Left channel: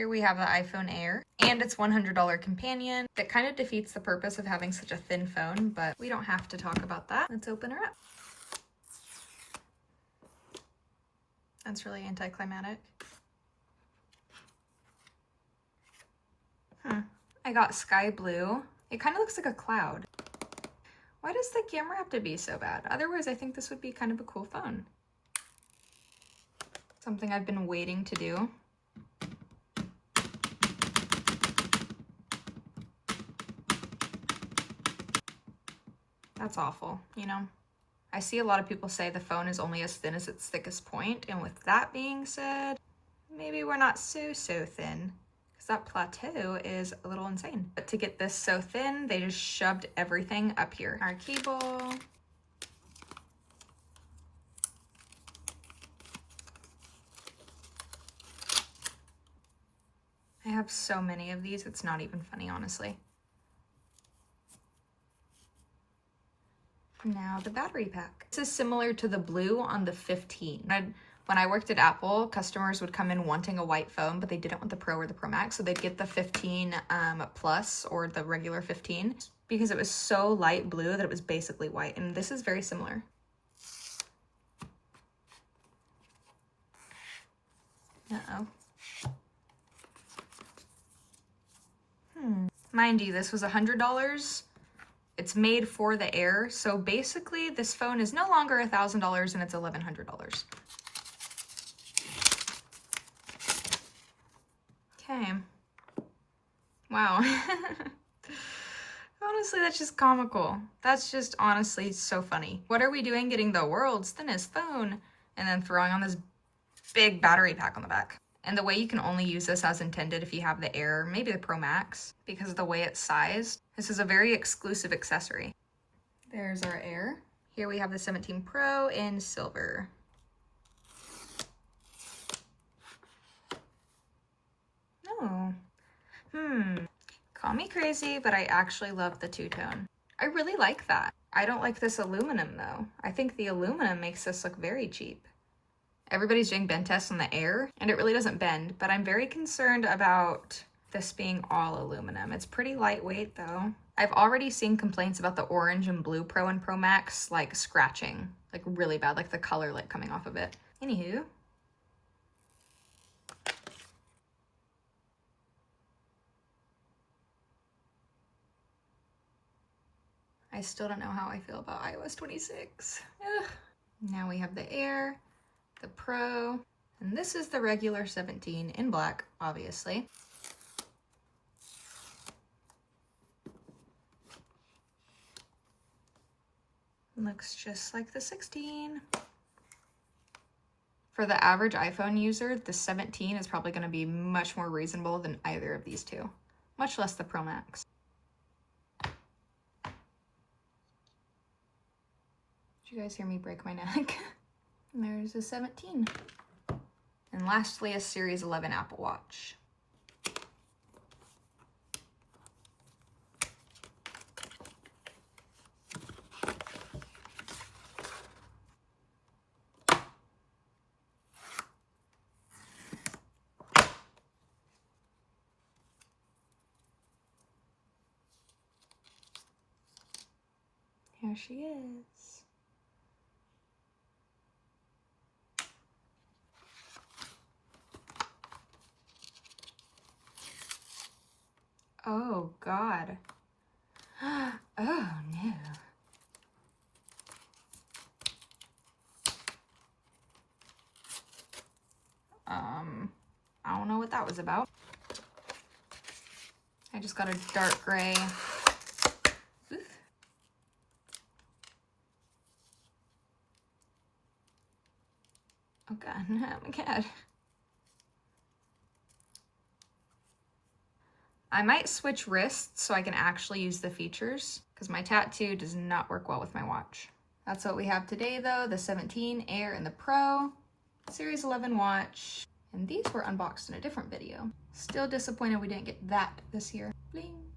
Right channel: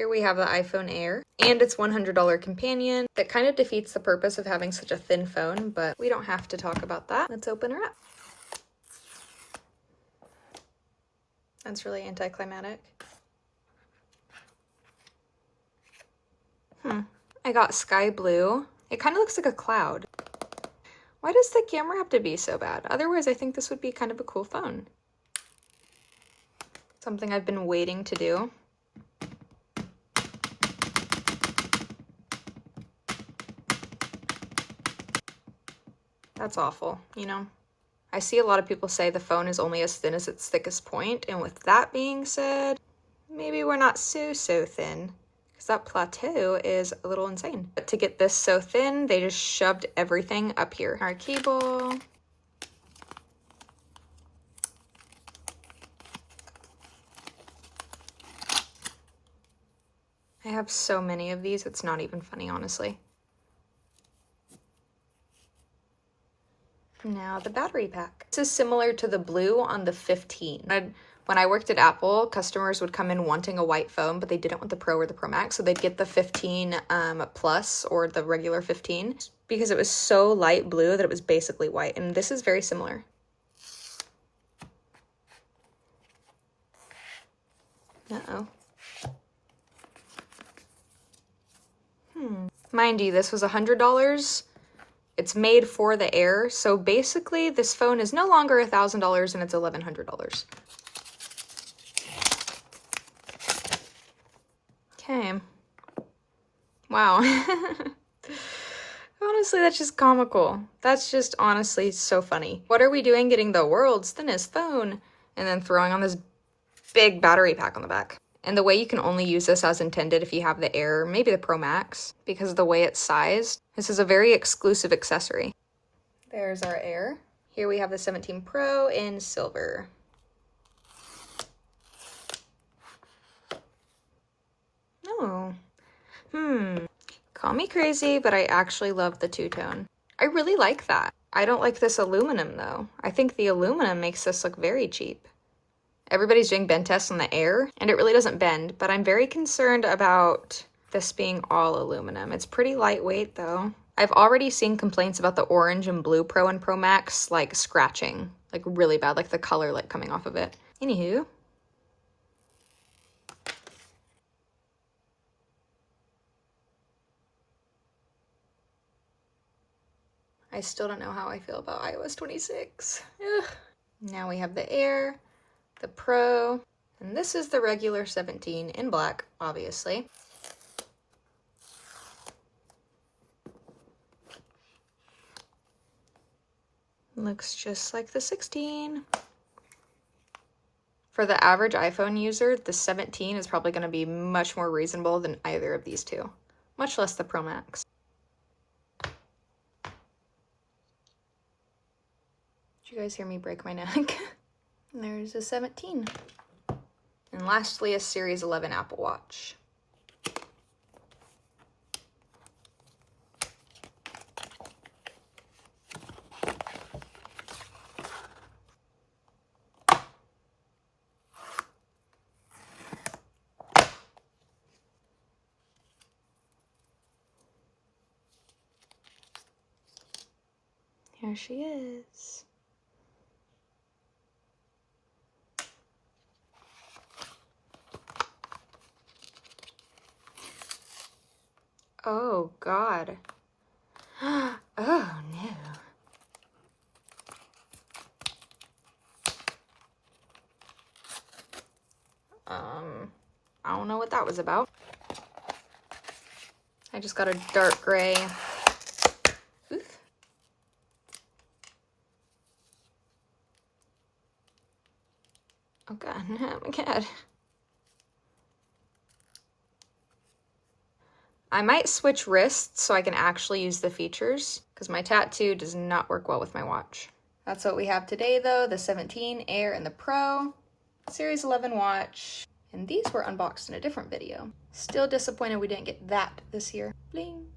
Here we have the iPhone Air and its $100 companion. That kind of defeats the purpose of having such a thin phone, but we don't have to talk about that. Let's open her up. That's really anticlimactic. I got sky blue. It kind of looks like a cloud. Why does the camera have to be so bad? Otherwise, I think this would be kind of a cool phone. Something I've been waiting to do. That's awful, you know? I see a lot of people say the phone is only as thin as its thickest point, and with that being said, maybe we're not so thin, because that plateau is a little insane. But to get this so thin, they just shoved everything up here. Our cable. I have so many of these, it's not even funny, honestly. Now the battery pack. This is similar to the blue on the 15. When I worked at Apple, customers would come in wanting a white phone, but they didn't want the Pro or the Pro Max, so they'd get the 15 Plus or the regular 15 because it was so light blue that it was basically white, and this is very similar. Uh-oh. Mind you, this was $100. It's made for the Air, so basically this phone is no longer $1,000 and it's $1,100. Okay. Wow. Honestly, that's just comical. That's just honestly so funny. What are we doing getting the world's thinnest phone and then throwing on this big battery pack on the back? And the way you can only use this as intended if you have the Air, maybe the Pro Max, because of the way it's sized. This is a very exclusive accessory. There's our Air. Here we have the 17 Pro in silver. Oh. Call me crazy, but I actually love the two-tone. I really like that. I don't like this aluminum though. I think the aluminum makes this look very cheap. Everybody's doing bend tests on the Air, and it really doesn't bend, but I'm very concerned about this being all aluminum. It's pretty lightweight though. I've already seen complaints about the orange and blue Pro and Pro Max, like scratching, like really bad, like the color like coming off of it. Anywho. I still don't know how I feel about iOS 26. Ugh. Now we have the Air, the Pro, and this is the regular 17 in black, obviously. Looks just like the 16. For the average iPhone user, the 17 is probably going to be much more reasonable than either of these two, much less the Pro Max. Did you guys hear me break my neck? There's a 17. And lastly, a Series 11 Apple Watch. Here she is. Oh, God. Oh, no. I don't know what that was about. I just got a dark gray. Oof. Oh, God, no, my God. I might switch wrists so I can actually use the features, because my tattoo does not work well with my watch. That's what we have today though, the 17 Air and the Pro, Series 11 watch, and these were unboxed in a different video. Still disappointed we didn't get that this year. Bling.